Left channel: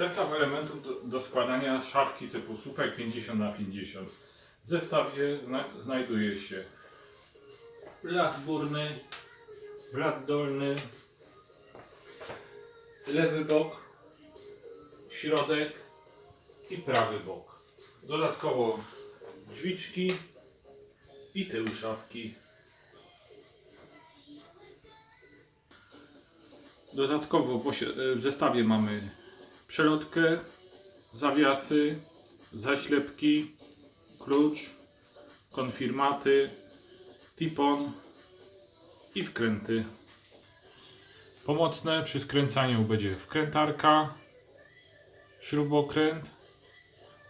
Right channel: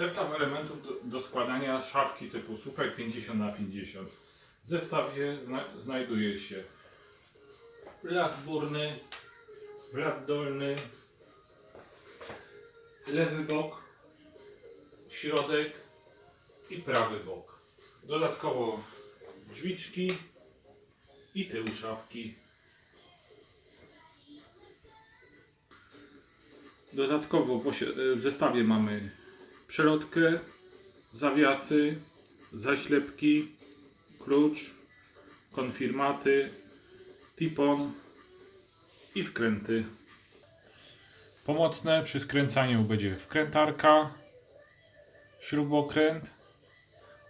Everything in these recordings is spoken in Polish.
Zestaw elementów do, do składania szafki typu słupek 50 na 50 W zestawie zna, znajduje się blat górny, blat dolny, lewy bok, środek i prawy bok. Dodatkowo drzwiczki i tył szafki. Dodatkowo w zestawie mamy przelotkę, zawiasy, zaślepki, klucz, konfirmaty, tipon i wkręty. Pomocne przy skręcaniu będzie wkrętarka, śrubokręt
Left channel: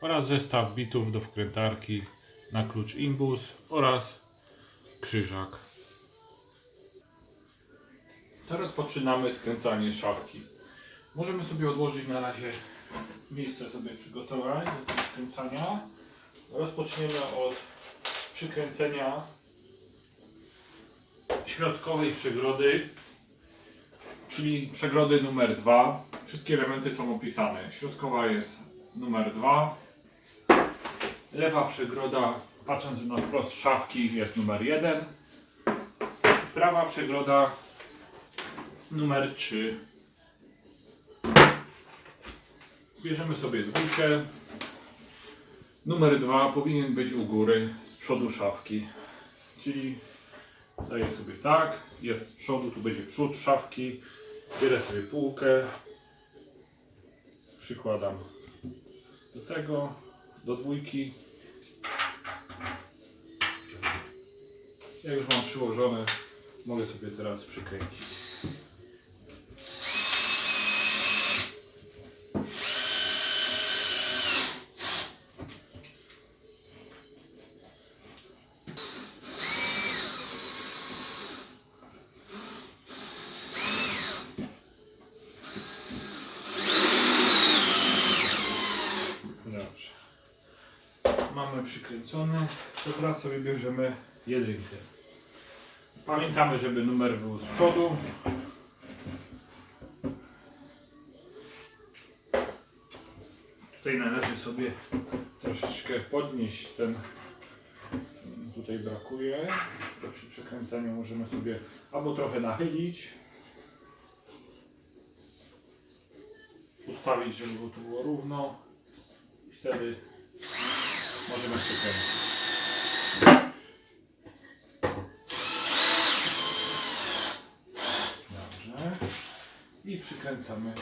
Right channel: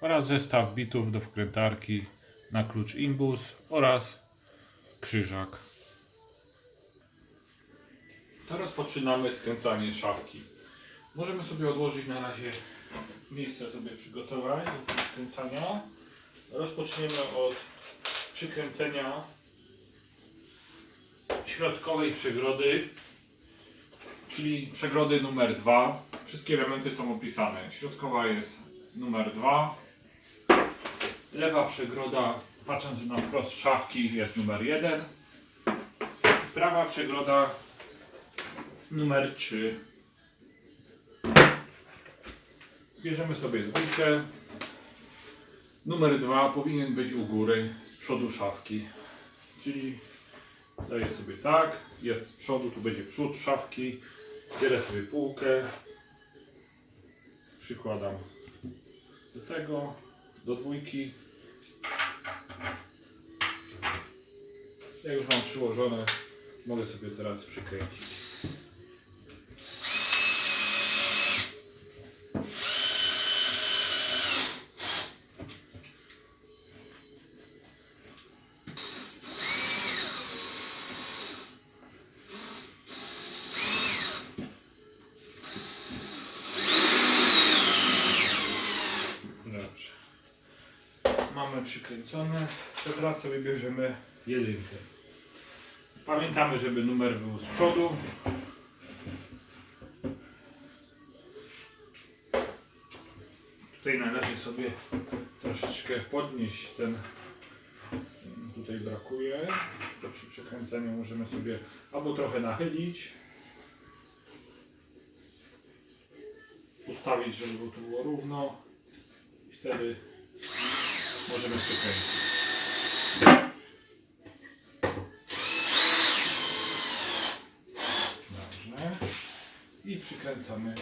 oraz zestaw bitów do wkrętarki na klucz imbus oraz krzyżak. Teraz rozpoczynamy skręcanie szafki. Możemy sobie odłożyć na razie miejsce sobie przygotować do skręcania. Rozpoczniemy od przykręcenia środkowej przegrody, czyli przegrody numer 2. Wszystkie elementy są opisane. Środkowa jest numer 2. Lewa przegroda, patrząc na wprost szafki, jest numer 1. Prawa przegroda numer 3. Bierzemy sobie dwójkę. Numer 2 powinien być u góry, z przodu szafki. Czyli daję sobie tak, jest z przodu, tu będzie przód szafki. Bierę sobie półkę. Przykładam do tego, do dwójki. Jak już mam przyłożone, mogę sobie teraz przykręcić. Dobrze. Mamy przykręcone. To teraz sobie bierzemy jedynkę. Pamiętamy, żeby numer był z przodu. Tutaj należy sobie troszeczkę podnieść ten. Tutaj brakuje. To przy przekręcaniu możemy sobie albo trochę nachylić. Ustawić, żeby to było równo. I wtedy możemy przekręcić. Dobrze. I przykręcamy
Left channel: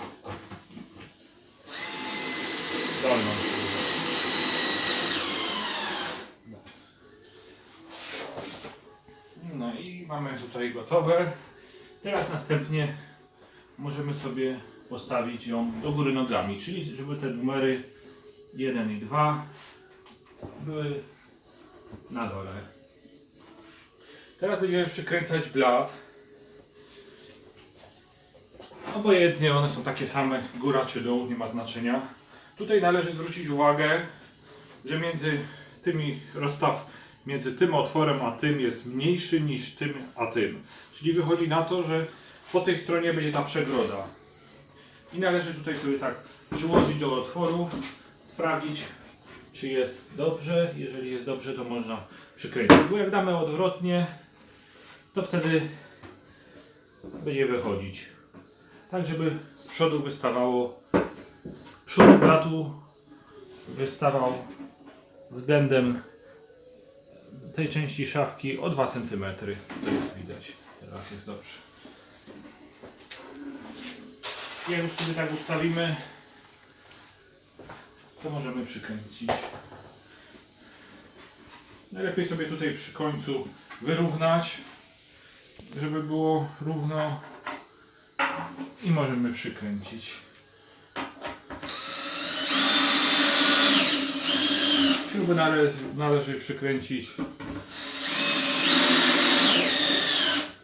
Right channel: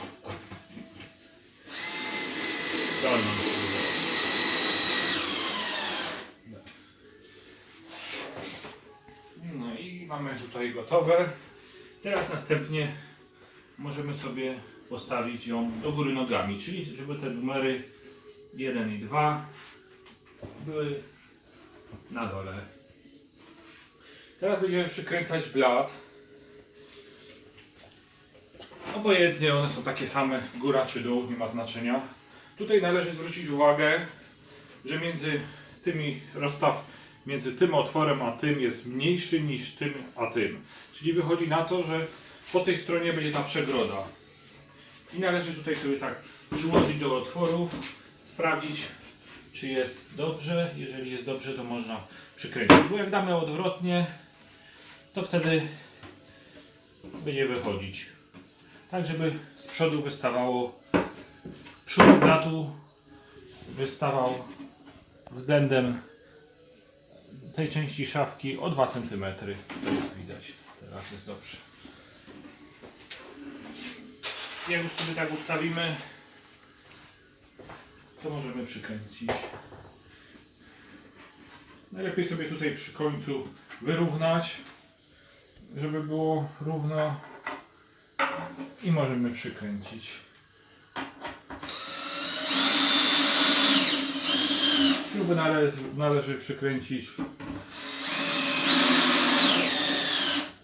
dolną. No i mamy tutaj gotowe. Teraz następnie możemy sobie postawić ją do góry nogami, czyli żeby te numery 1 i 2 były na dole. Teraz będziemy przykręcać blat. Obojętnie one są takie same, góra czy dół, nie ma znaczenia. Tutaj należy zwrócić uwagę, że między tymi rozstaw między tym otworem a tym jest mniejszy niż tym a tym. Czyli wychodzi na to, że po tej stronie będzie ta przegroda. I należy tutaj sobie tak przyłożyć do otworów, sprawdzić czy jest dobrze. Jeżeli jest dobrze, to można przykręcić. Bo jak damy odwrotnie, to wtedy będzie wychodzić. Tak, żeby z przodu wystawało, przód blatu wystawał względem tej części szafki o 2 cm. To jest widać. Teraz jest dobrze. Jak już sobie tak ustawimy, to możemy przykręcić. Najlepiej sobie tutaj przy końcu wyrównać, żeby było równo i możemy przykręcić. Śruby należy, należy przykręcić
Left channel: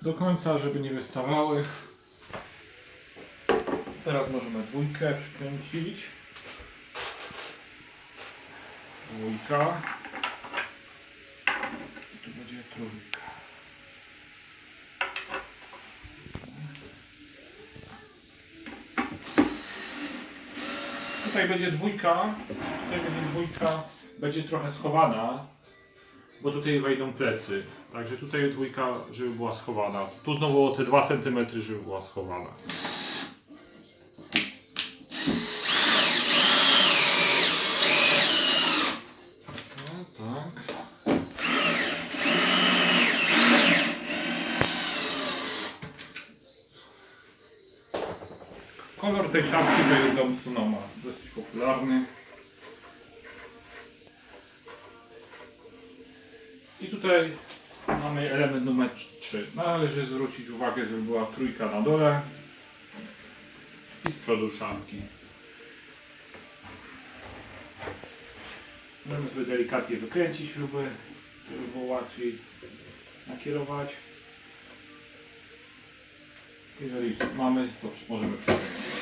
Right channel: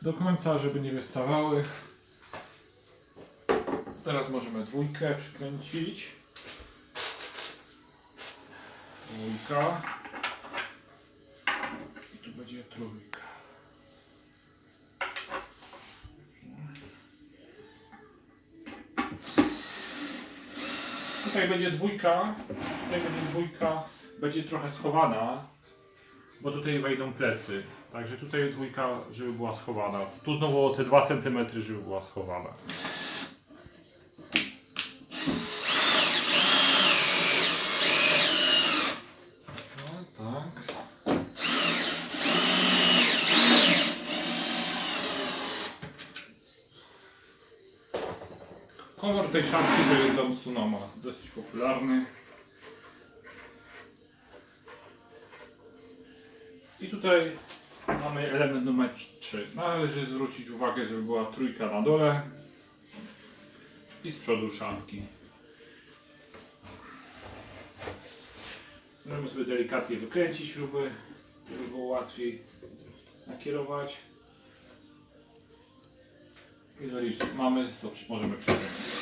do końca, żeby nie wystawały. Teraz możemy dwójkę przykręcić. Dwójka. Tu będzie trójka. tutaj będzie dwójka, tutaj będzie dwójka, będzie trochę schowana, bo tutaj wejdą plecy. Także tutaj dwójka, żeby była schowana. Tu znowu o te 2 cm, żeby była schowana. No tak. Kolor tej szafki jest dom Sunoma, dosyć popularny. I tutaj mamy element numer 3. Należy zwrócić uwagę, żeby była trójka na dole i z przodu szafki. Możemy sobie delikatnie wykręcić śruby, żeby było łatwiej nakierować. Jeżeli mamy, to możemy przykręcić.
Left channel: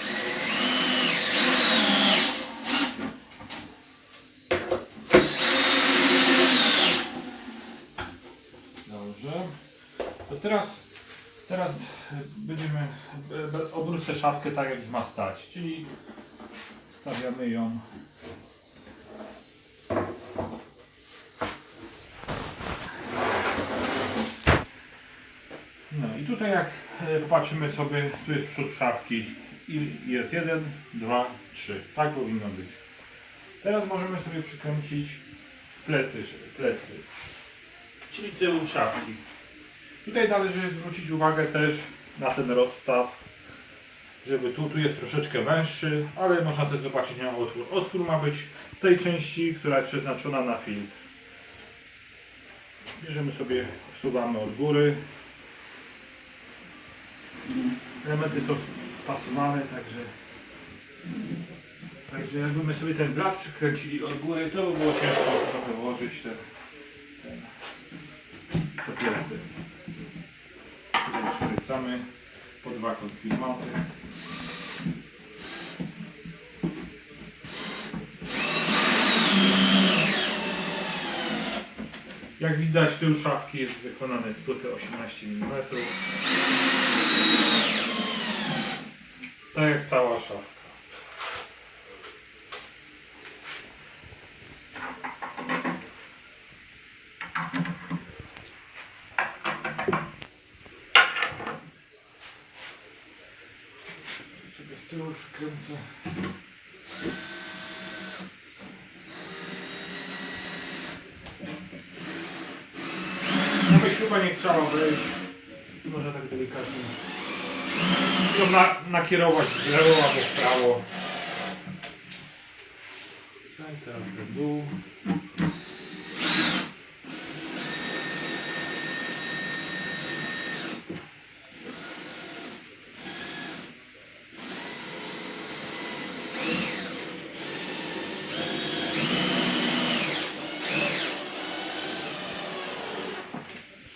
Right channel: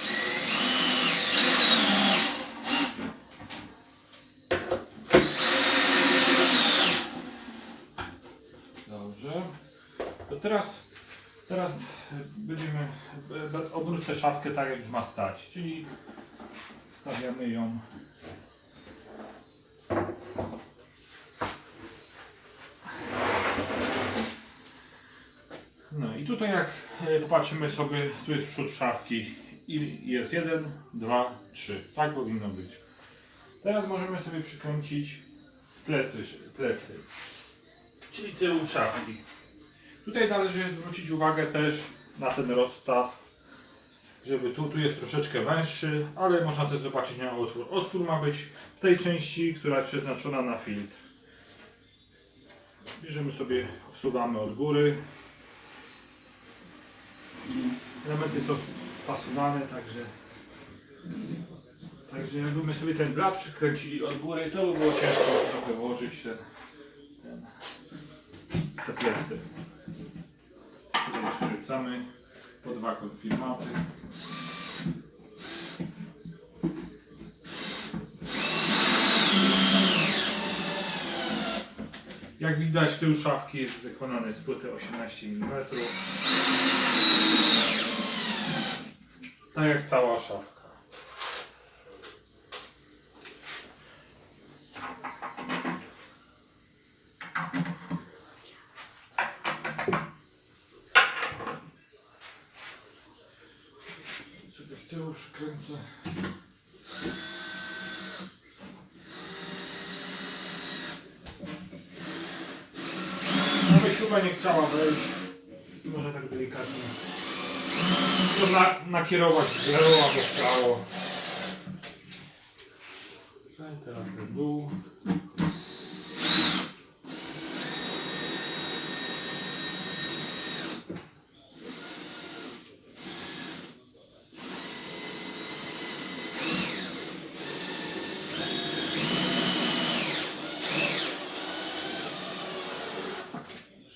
Dobrze. To teraz, teraz będziemy, e, obrócę szafkę tak jak już ma stać, czyli stawiamy ją No i tutaj jak e, popatrzymy sobie, tu jest przód szafki i jest jeden, dwa, trzy. Tak powinno być. Teraz możemy sobie przykręcić plecy, plecy czyli tył szafki. Tutaj należy zwrócić uwagę też na ten rozstaw, żeby tu, tu jest troszeczkę węższy, ale można też zobaczyć na otwór. Otwór ma być w tej części, która jest przeznaczona na filtr. Bierzemy sobie, wsuwamy od góry. Elementy są spasowane, także Także jakbyśmy sobie ten blat przykręcili od góry, to by było ciężko trochę włożyć ten te plecy. Przykręcamy po dwa konfirmaty. Jak widać tył szafki jest wykonany z płyty 18 mm. Tak jak cała szafka. Tyłu przykręcę. Aby śruba nie chciała wejść, może tak delikatnie ją na, nakierować w lewo albo w prawo. Tak, teraz do dół.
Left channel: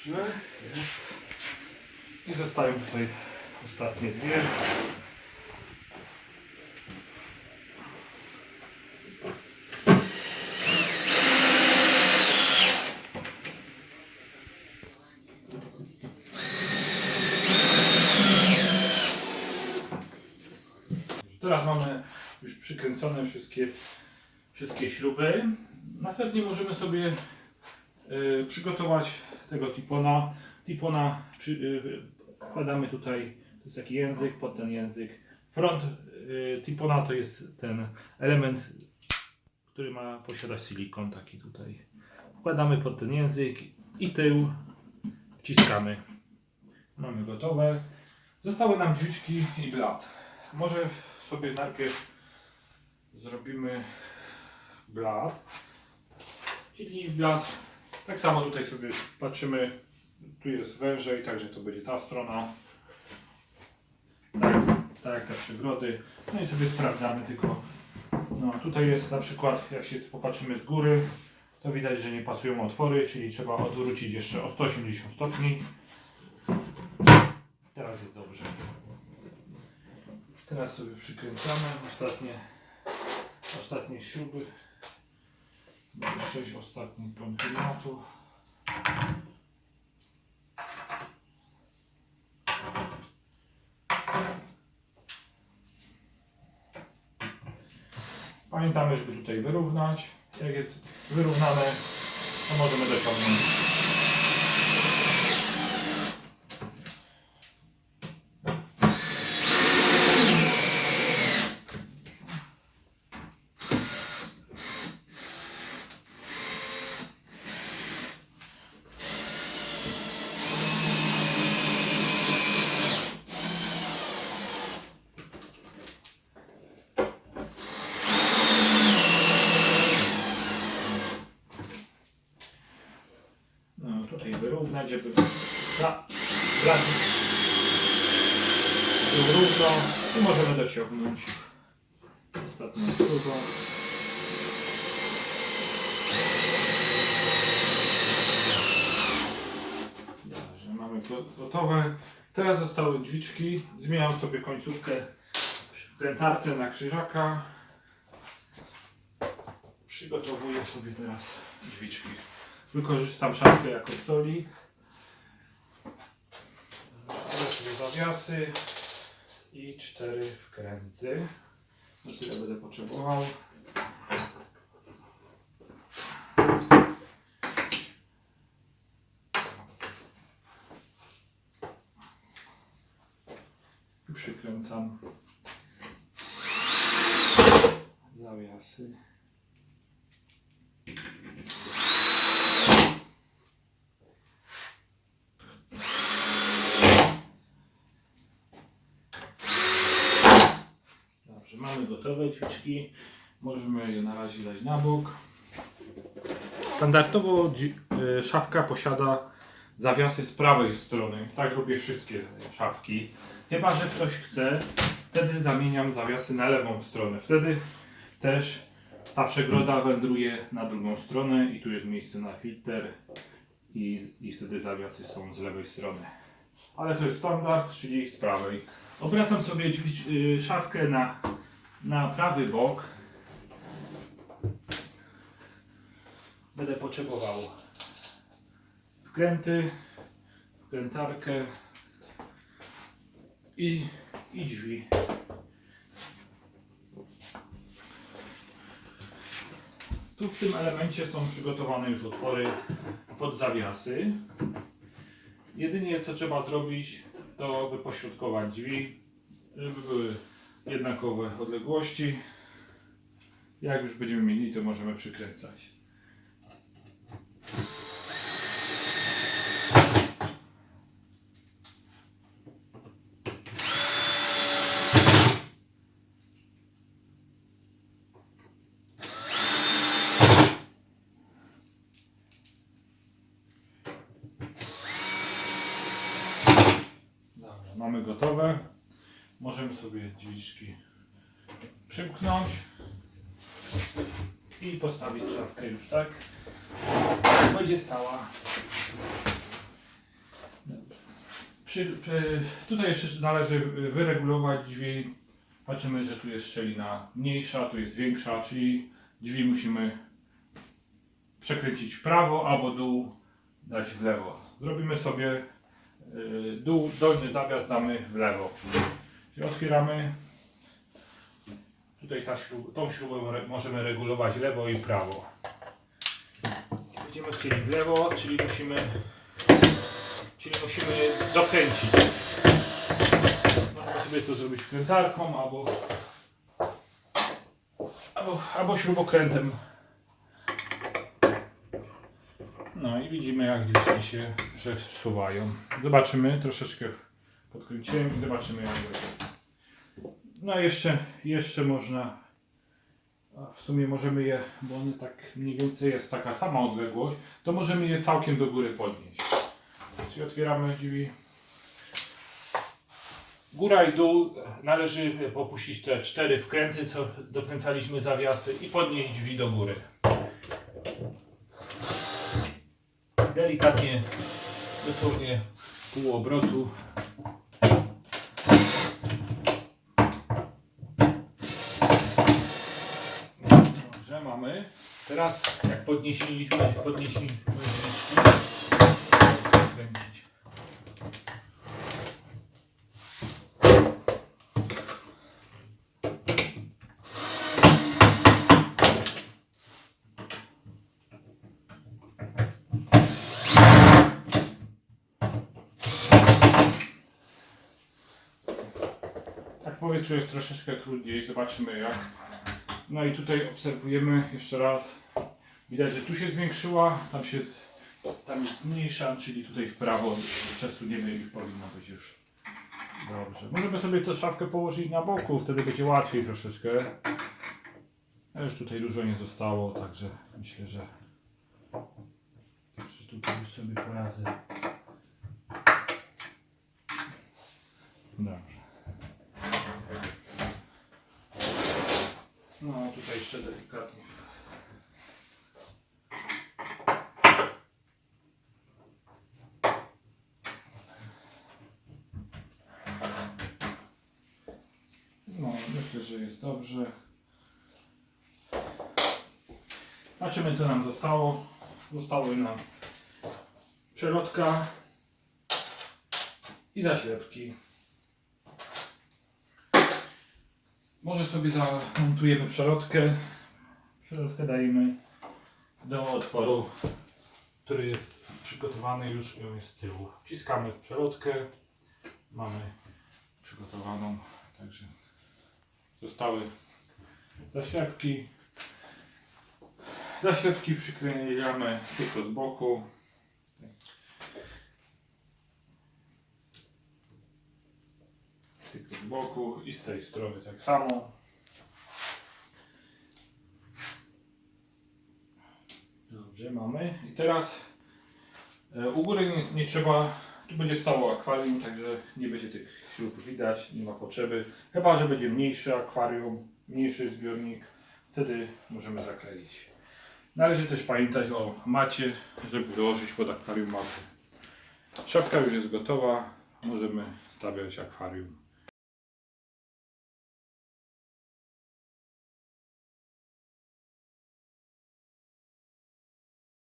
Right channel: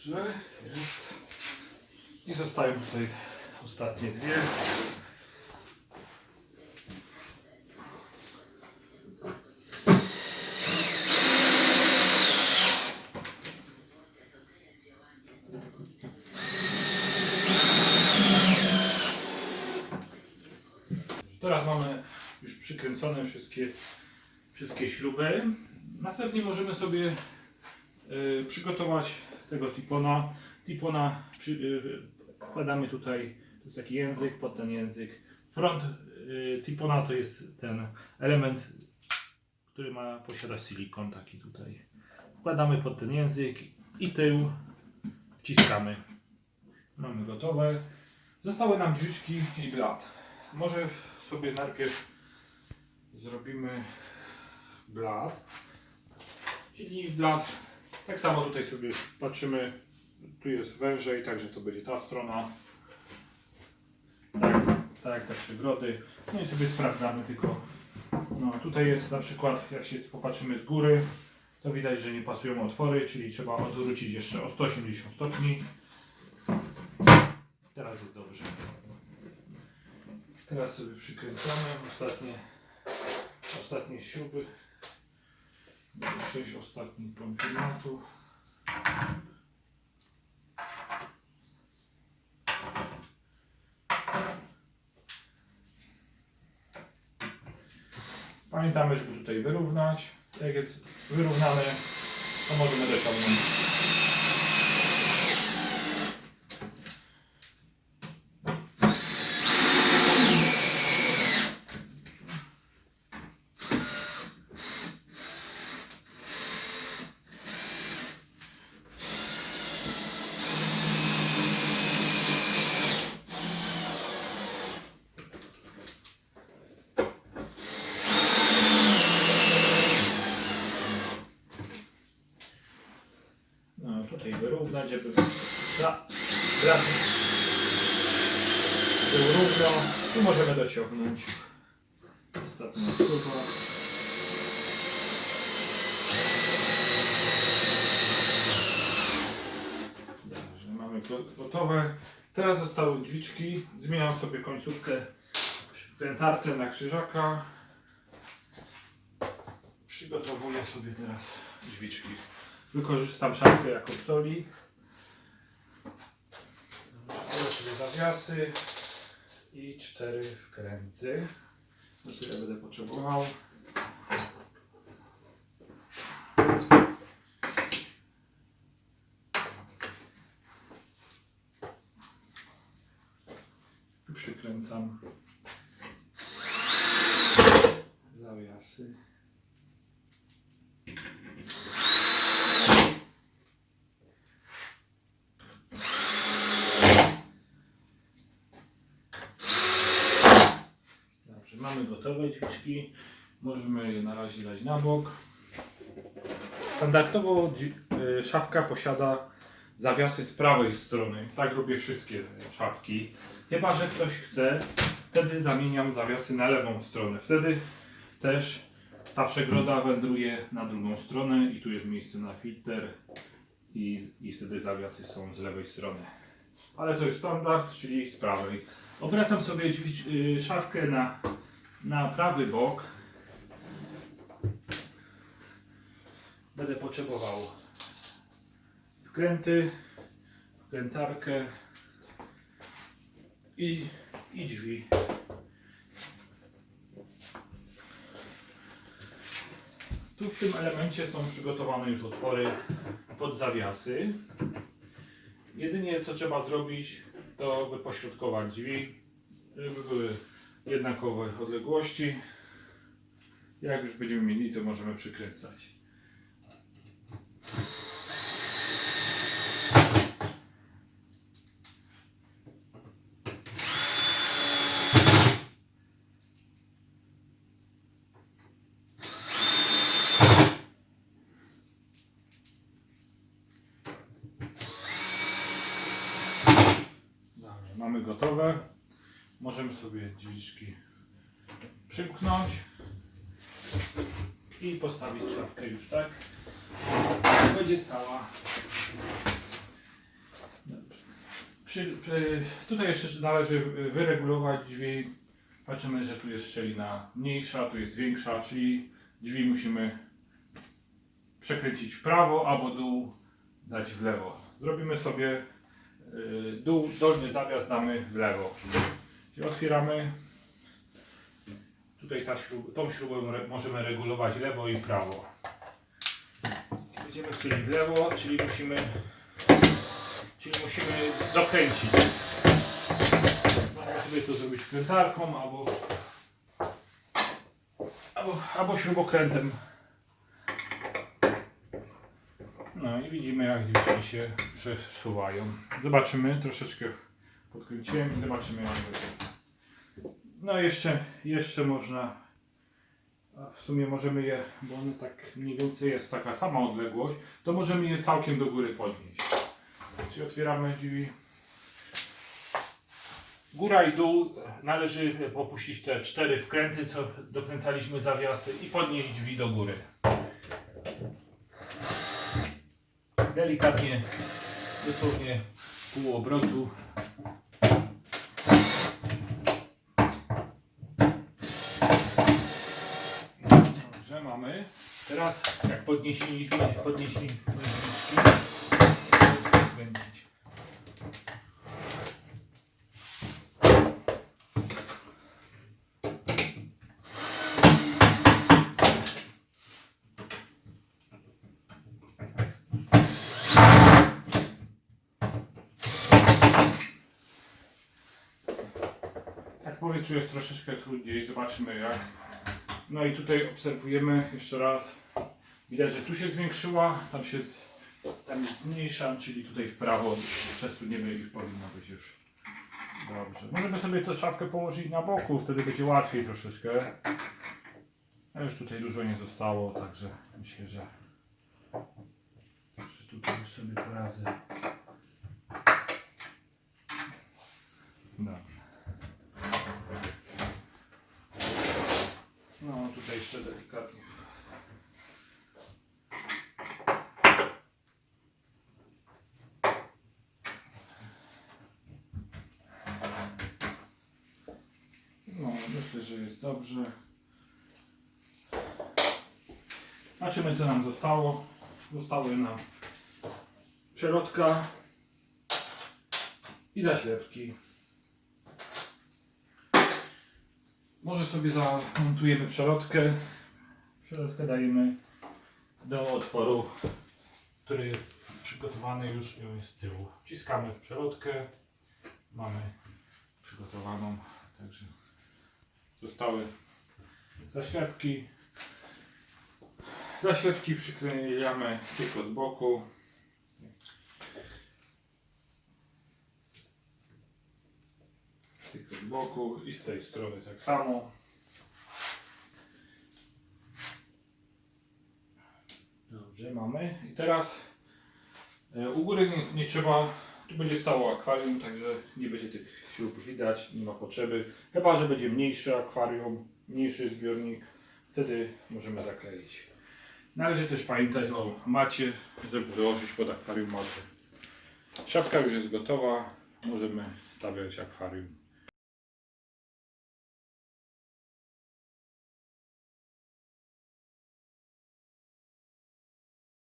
Dobrze, jest. I zostają tutaj ostatnie dwie. Teraz mamy już przykręcone wszystkie, wszystkie śruby. Następnie możemy sobie y, przygotować tego tipona. Tipona przy, y, wkładamy tutaj, to jest taki język, pod ten język. Front y, tipona to jest ten element, który ma posiadać silikon taki tutaj. Wkładamy pod ten język i tył wciskamy. Mamy gotowe. Zostały nam brzyczki i blat. Może sobie najpierw zrobimy blat. Czyli blat tak samo tutaj sobie patrzymy, tu jest wężej, także to będzie ta strona. Tak, tak te przygrody. No i sobie sprawdzamy tylko. No tutaj jest na przykład, jak się popatrzymy z góry, to widać, że nie pasują otwory, czyli trzeba odwrócić jeszcze o 180 stopni. Teraz jest dobrze. Teraz sobie przykręcamy ostatnie, ostatnie śruby. Będzie 6 ostatnich konfirmatów. Pamiętamy, żeby tutaj wyrównać. Jak jest wyrównane, to możemy dociągnąć. No tutaj dla, dla był równo i możemy dociągnąć ostatnią śrubą. Dobrze, mamy go- gotowe. Teraz zostały drzwiczki. Zmieniam sobie końcówkę przy wkrętarce na krzyżaka. Przygotowuję sobie teraz drzwiczki. Wykorzystam szafkę jako stoli. Sobie zawiasy i cztery wkręty. No tyle będę potrzebował. Przykręcam zawiasy. Dobrze, mamy gotowe drzwiczki. Możemy je na razie dać na bok. Standardowo y, szafka posiada zawiasy z prawej strony. Tak robię wszystkie szafki. Chyba, że ktoś chce, wtedy zamieniam zawiasy na lewą stronę. Wtedy też ta przegroda wędruje na drugą stronę i tu jest miejsce na filtr i, i wtedy zawiasy są z lewej strony. Ale to jest standard, czyli z prawej. Obracam sobie y, szafkę na, na prawy bok. Będę potrzebował wkręty, wkrętarkę i, i drzwi. Tu w tym elemencie są przygotowane już otwory pod zawiasy. Jedynie co trzeba zrobić, to wypośrodkować drzwi, żeby były jednakowe odległości. Jak już będziemy mieli, to możemy przykręcać. Dobrze, mamy gotowe. Możemy sobie drzwiczki przymknąć i postawić szafkę już tak. Będzie stała. Przy, przy, tutaj jeszcze należy wyregulować drzwi. Patrzymy, że tu jest szczelina mniejsza, tu jest większa, czyli drzwi musimy przekręcić w prawo albo dół dać w lewo. Zrobimy sobie y, dół, dolny zawias damy w lewo. Czyli otwieramy. Tutaj ta śrub, tą śrubę możemy regulować lewo i prawo. Będziemy chcieli w lewo, czyli musimy, czyli musimy dokręcić. Możemy sobie to zrobić wkrętarką albo, albo, albo śrubokrętem. No i widzimy jak drzwiczki się przesuwają. Zobaczymy, troszeczkę podkręciłem i zobaczymy jak będzie. No jeszcze, jeszcze można, w sumie możemy je, bo one tak mniej więcej jest taka sama odległość, to możemy je całkiem do góry podnieść. Czyli otwieramy drzwi. Góra i dół należy popuścić te cztery wkręty, co dokręcaliśmy zawiasy i podnieść drzwi do góry. delikatnie, dosłownie pół obrotu. mamy. Teraz jak podnieśliśmy, podnieśliśmy drzwi, kręcić. Tak jest troszeczkę trudniej, zobaczymy jak no i tutaj obserwujemy jeszcze raz. Widać, że tu się zwiększyła, tam się tam jest mniejsza, czyli tutaj w prawo przesuniemy i powinno być już dobrze. Możemy sobie tę szafkę położyć na boku, wtedy będzie łatwiej troszeczkę. A już tutaj dużo nie zostało, także myślę, że, że tutaj już sobie poradzę. Dobrze. No tutaj jeszcze delikatnie. No, myślę, że jest dobrze. Zobaczymy, co nam zostało. Zostały nam przelotka i zaślepki. Może sobie zamontujemy przelotkę. Przelotkę dajemy do otworu, który jest przygotowany już ją jest z tyłu. Wciskamy przelotkę. Mamy przygotowaną. Także zostały zaślepki. Zaślepki przyklejamy tylko z boku. Z boku i z tej strony tak samo. Dobrze, mamy. I teraz e, u góry nie, nie trzeba, tu będzie stało akwarium, także nie będzie tych śrub widać, nie ma potrzeby. Chyba, że będzie mniejszy akwarium, mniejszy zbiornik, wtedy możemy zakleić. Należy też pamiętać o macie, żeby wyłożyć pod akwarium matę. Szafka już jest gotowa, możemy stawiać akwarium.